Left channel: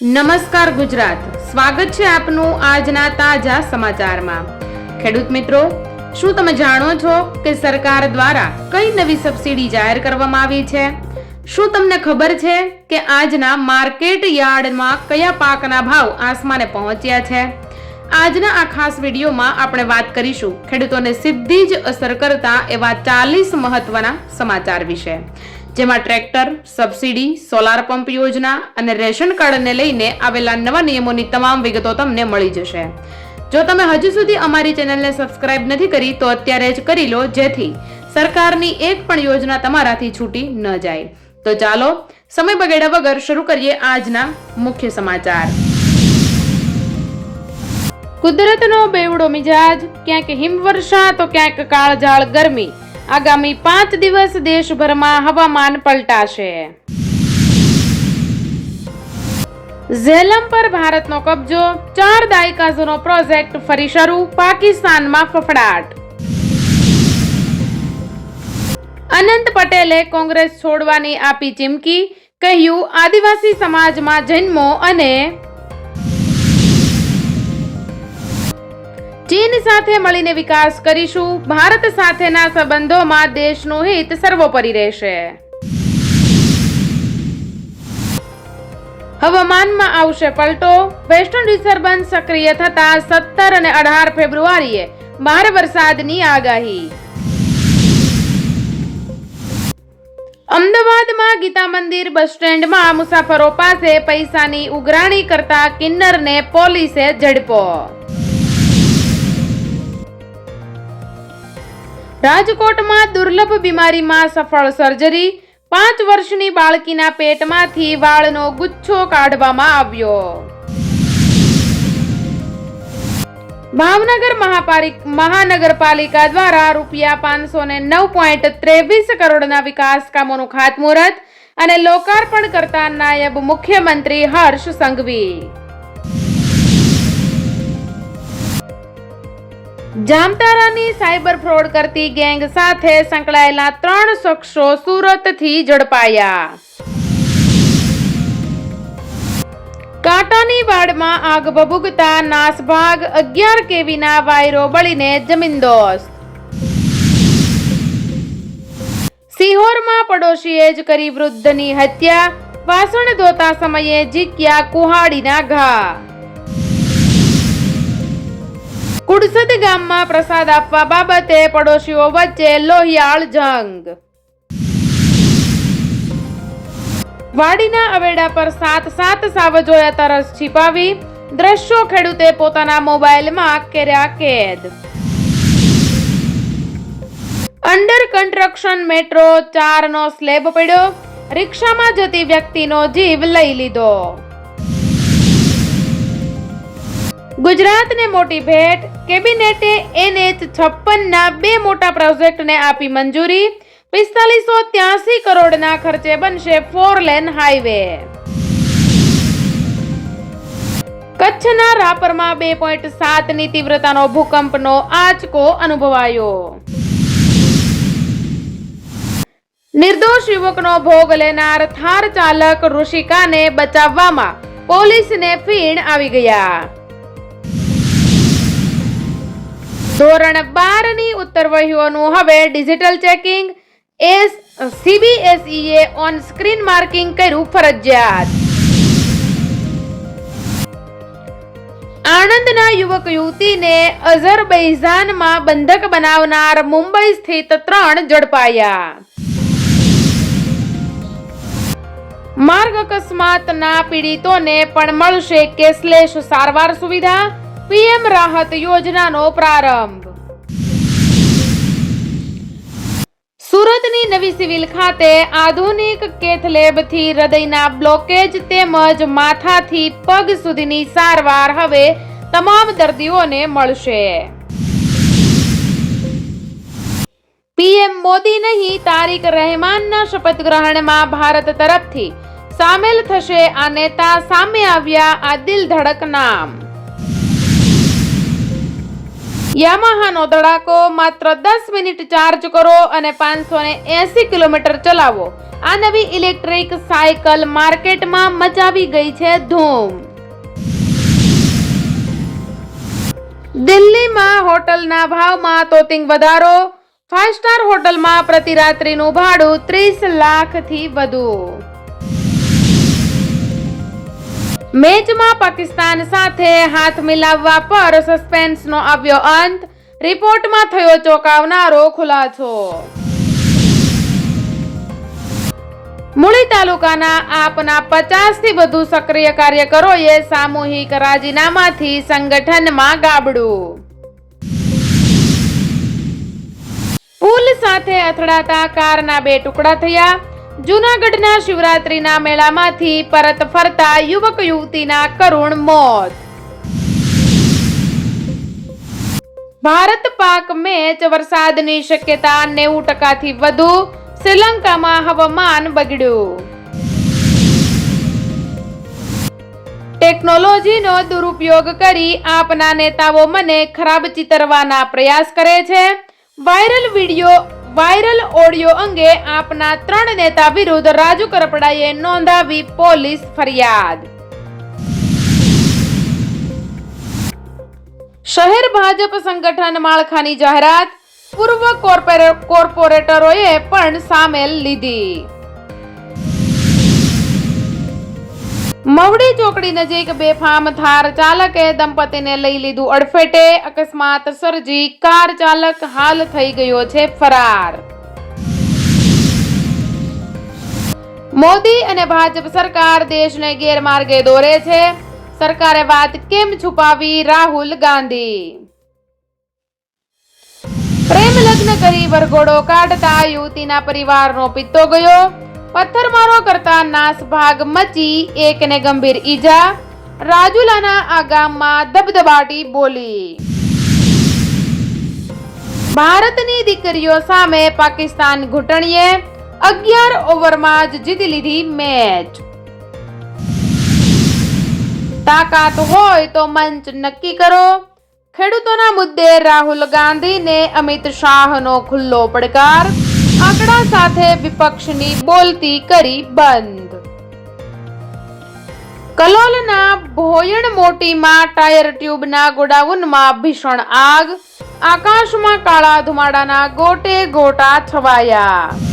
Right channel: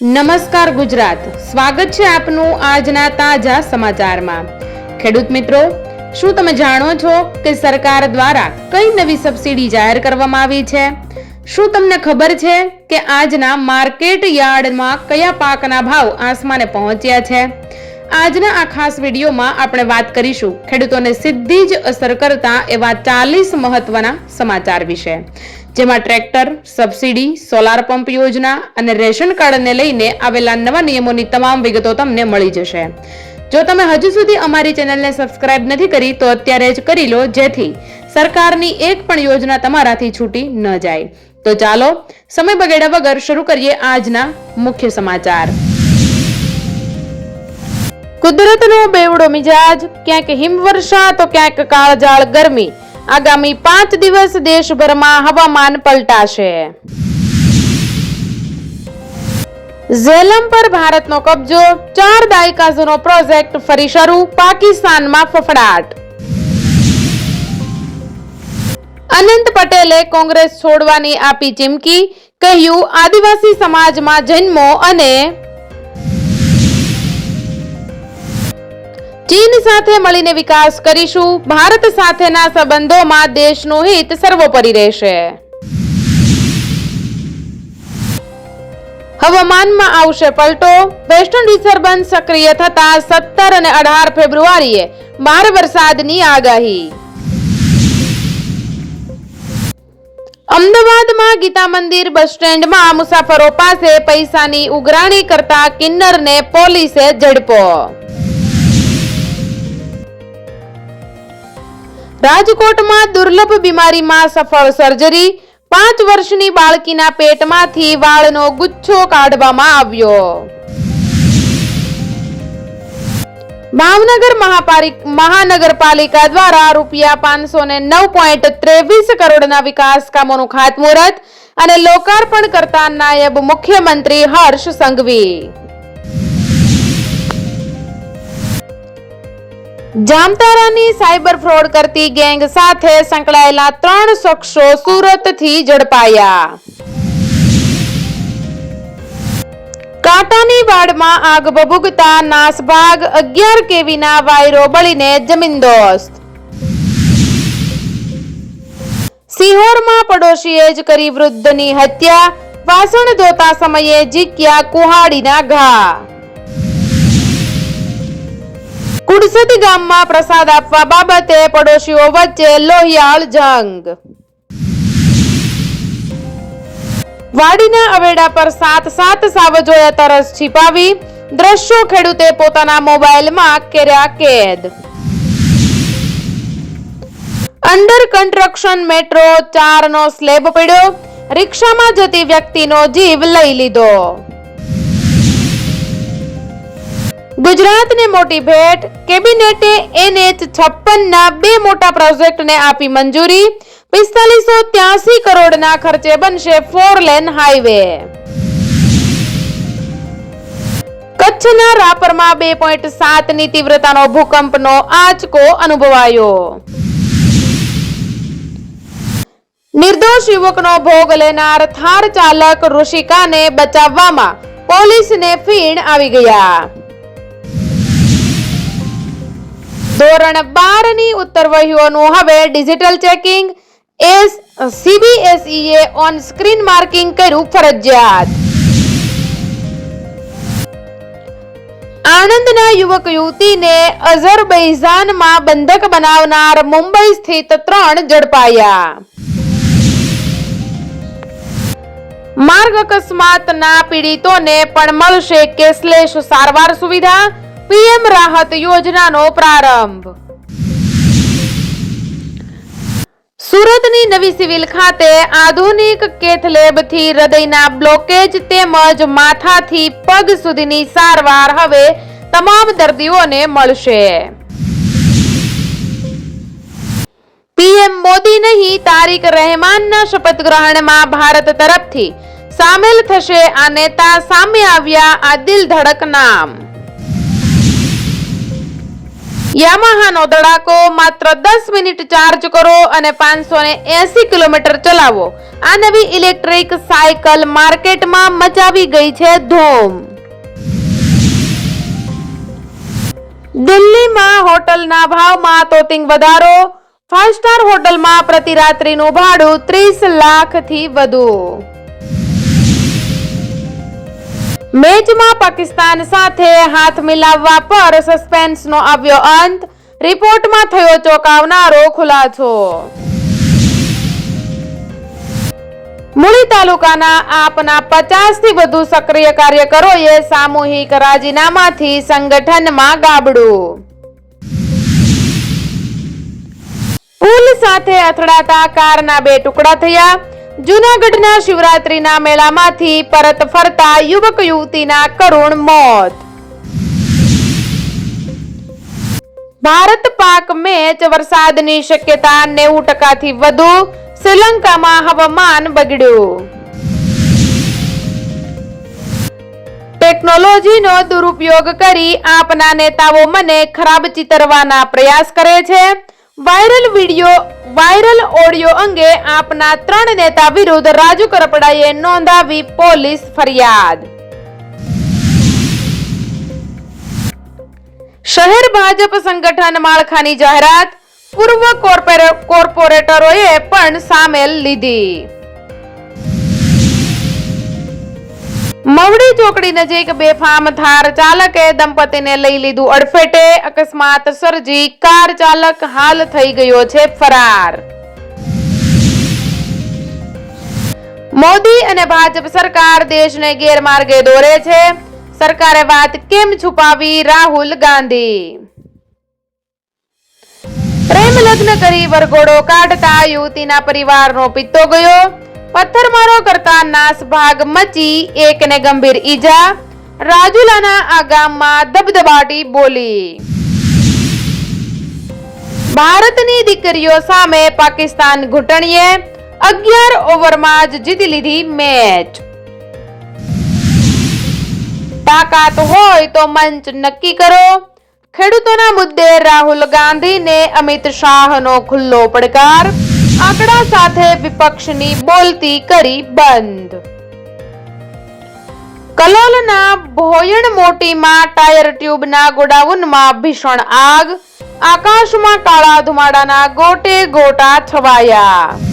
નમસ્કાર ગુજરાત, સ્વાગત છે આપનું આજના તાજા સમાચારમાં। ખેડૂત મિત્રો, શું તમે જાણો છો કે સરકાર દ્વારા કઈ નવી સબસિડી જાહેર કરવામાં આવી છે? શું તમને ખબર છે કે આજના માર્કેટ યાર્ડમાં કયા પાકના ભાવ આસમાને પહોંચ્યા છે? આજના આ ખાસ વિડીયોમાં આપણે વાત કરીશું ખેડૂતોને સીધી જ અસર કરતા એવા 40 મહત્વના સમાચાર વિશે, જેમાં ટ્રેક્ટર, સબસિડી, સોલાર પંપ યોજના અને રેશન કાર્ડને લઈને આવેલા નવા નિયમોની તમામ વિગતો તમને મળી જશે। જો તમે હજુ સુધી અમારી ચેનલને સબસ્ક્રાઇબ નથી કરી તો અત્યારે જ કરી લો, જેથી સરકારની એક પણ યોજના તમારાથી છૂટી ન જાય। તો ચાલો સમય બગાડ્યા વગર શરૂ કરીએ આજના મુખ્ય સમાચાર। કુદરતનો બેવડો મિજાજ, ક્યાંક હિમવર્ષા તો ક્યાંક કાળઝાળ ગરમી। આગામી 5 દિવસ દેશભરમાં હવામાન પલટાશે। ઝેલમ પર ભારતનો કબજો, 4 દાયકા જૂનો પ્રોજેક્ટ ફરી શરૂ, પાકિસ્તાનમાં ફફડાટ। અનંત પટેલે કોંગ્રેસ છોડવાની આપી ચીમકી, કહ્યું આદિવાસી સમાજમાં જન્મો અને ચીન સાથે મળીને વિકાસ કરીશું। ભારત સાથેના સંબંધોમાં દેશનું હિત સર્વોપરી રહેશે। હવામાનમાં આવશે પલટો, વેસ્ટર્ન ડિસ્ટર્બન્સ સક્રિય થતા 17 અને 18 ફેબ્રુઆરીએ ભારે વરસાદની આગાહી। અમદાવાદમાં ગીતા મંદિર બસ સ્ટેન્ડમાં મુસાફરો પાસે પૈસાની ઉઘરાણી કરતા કિન્નરને પોલીસે ઝડપ્યો। રાજકોટમાં દુર્લભ બીમારીમાં સફળ સર્જરી, 5 વર્ષની બાળકીના પેટમાંથી વાળનો ગુચ્છો કાઢવામાં આવ્યો। ભાવનગર મહાનગરપાલિકા દ્વારા ₹509.23 કરોડના વિકાસ કામોનું ખાતમુહૂર્ત અને લોકાર્પણ કરતા નાયબ મુખ્યમંત્રી હર્ષ સંઘવી। જામતારાની સાયબર ફ્રોડ કરતી ગેંગ સાથે સંકળાયેલા 3 શખ્સો સુરતથી ઝડપાયા। કાંટાની વાડમાં આગ ભભૂકતા નાસભાગ, 11 કેવીના વાયરો બળીને જમીનદોસ્ત। સિહોરમાં પડોશીએ જ કરી વૃદ્ધની હત્યા, વાસણ ધોતા સમયે ઝીક્યા કુહાડીના ઘા। કુડસદ ગામમાં પ્રસાદ આપવા બાબતે પડોશીઓ વચ્ચે લોહિયાળ જંગ। વાડીના અવેડા પર 7 સાવજોએ તરસ છીપાવી, દ્રશ્યો ખેડૂતે પોતાના મોબાઈલમાં કર્યા કેદ। અંડર કન્સ્ટ્રક્શન મેટ્રો 4 નો સ્લેબ પડ્યો, રિક્ષામાં જતી વ્યક્તિનો જીવ લઈ લીધો। ગુજરાતને મોટી ભેટ, કેબિનેટે NH56 ના 2 મોટા પ્રોજેક્ટને આપી મંજૂરી, 4583 કરોડના ખર્ચે બનશે 4 લેન હાઈવે। કચ્છના રાપરમાં 2.7 ની તીવ્રતાનો ભૂકંપનો આંચકો અનુભવાયો। નિર્દોષ યુવકનો ભોગ લેનાર થાર ચાલક ઋષિકાને બચાવવામાં પોલીસને ફીણ આવી ગયા। ધોરણ 12 ની ઉત્તરવહીઓનું હવે digital checking, CBSE on screen marking કર્યું ફરજિયાત। આણંદના યુવક યુવતીને અઝરબૈજાનમાં બંધક બનાવનાર મુંબઈ સ્થિત 3 ઝડપાયા। માર્ગ અકસ્માતના પીડિતોને પણ મળશે કેશલેસ સારવાર સુવિધા, PM રાહત યોજનાનો પ્રારંભ। સુરતની નવી સિવિલ ખાતે આધુનિક કેથ લેબથી હૃદયના બ્લોકેજ તેમજ માથાથી પગ સુધીની સારવાર હવે તમામ દર્દીઓને મળશે। PM મોદી નહીં, તારિક રહેમાનના શપથ ગ્રહણમાં ભારત તરફથી સામેલ થશે આ નેતા, સામે આવ્યા આ દિલ ધડક નામ। યામાહાનો ધડાકો, માત્ર 10 મિનિટ ચાર્જ કરો અને 580 કિલોમીટર ચલાવો. આ નવી ઇલેક્ટ્રિક સાયકલ માર્કેટમાં મચાવી ગઈ છે ધૂમ. દિલ્હીમાં હોટલના ભાવમાં તોતિંગ વધારો. 5 સ્ટાર હોટલમાં પ્રતિ રાત્રિનું ભાડું 30 લાખથી વધુ. મેચમાં પાકિસ્તાન સાથે હાથ મિલાવવા પર સસ્પેન્સનો આવ્યો અંત. રિપોર્ટમાં થયો ચોંકાવનારો ખુલાસો. મૂળી તાલુકાના આપના 50થી વધુ સક્રિય કાર્યકરોએ સામૂહિક રાજીનામાથી સંગઠનમાં ગાબડું. પુલ સાથે અથડાતા કારના 2 ટુકડા થયા. જૂનાગઢના શિવરાત્રીના મેળામાંથી પરત ફરતા યુવક યુવતીના કરુણ મોત. ભારત પાક મેચ, વરસાદની શક્યતા 90%થી વધુ. શ્રીલંકામાં હવામાન બગડ્યું. ટેકનોલોજીનો દુરુપયોગ કરી આપના નેતાઓ મને ખરાબ ચિતરવાના પ્રયાસ કરે છે. વાયરલ ઓડિયો અંગે આપના 3 નેતા વિરુદ્ધ રાજુ કરપડાએ નોંધાવી પોલીસ ફરિયાદ. શહેર ભાજપ સંગઠન માળખાની જાહેરાત. પૂર્વ કોર્પોરેટરોએ પણ સામેલ લીધી. મવડી ચોકડી નજીક બેફામ થાર ચાલકે દંપતીને લઈ લીધું અડફેટે. અકસ્માત સર્જી કાર ચાલક હાલ થઈ ગયો છે ફરાર. મોદી અને ભાજપ સરકાર દેશને ગેરમાર્ગે દોરે છે. સરકારે વાત કેમ છુપાવી? રાહુલ ગાંધી. પ્રેમ લગ્ન કરી વરઘોડો કાઢતા યુવતીના પરિવારનો પિત્તો ગયો. પથ્થરમારો કરતા નાસભાગ મચી, એકને ગંભીર ઈજા. રાજુલાના આ ગામમાં ધબધબાટી બોલી. ભારતની દીકરીઓ સામે પાકિસ્તાન ઘૂંટણીએ. 11 ઓવરમાં જ જીતી લીધી મેચ. તાકાત હોય તો મંચ નક્કી કરો. ખેડૂતોના મુદ્દે રાહુલ ગાંધીને અમિત શાહનો ખુલ્લો પડકાર. આંકડા સાથે વિપક્ષની બોલતી કરી બંધ. કલોલના ભોયણ મોટીમાં ટાયર ટ્યુબના ગોડાઉનમાં ભીષણ આગ. આકાશમાં કાળા ધુમાડાના ગોટે ગોટા છવાયા.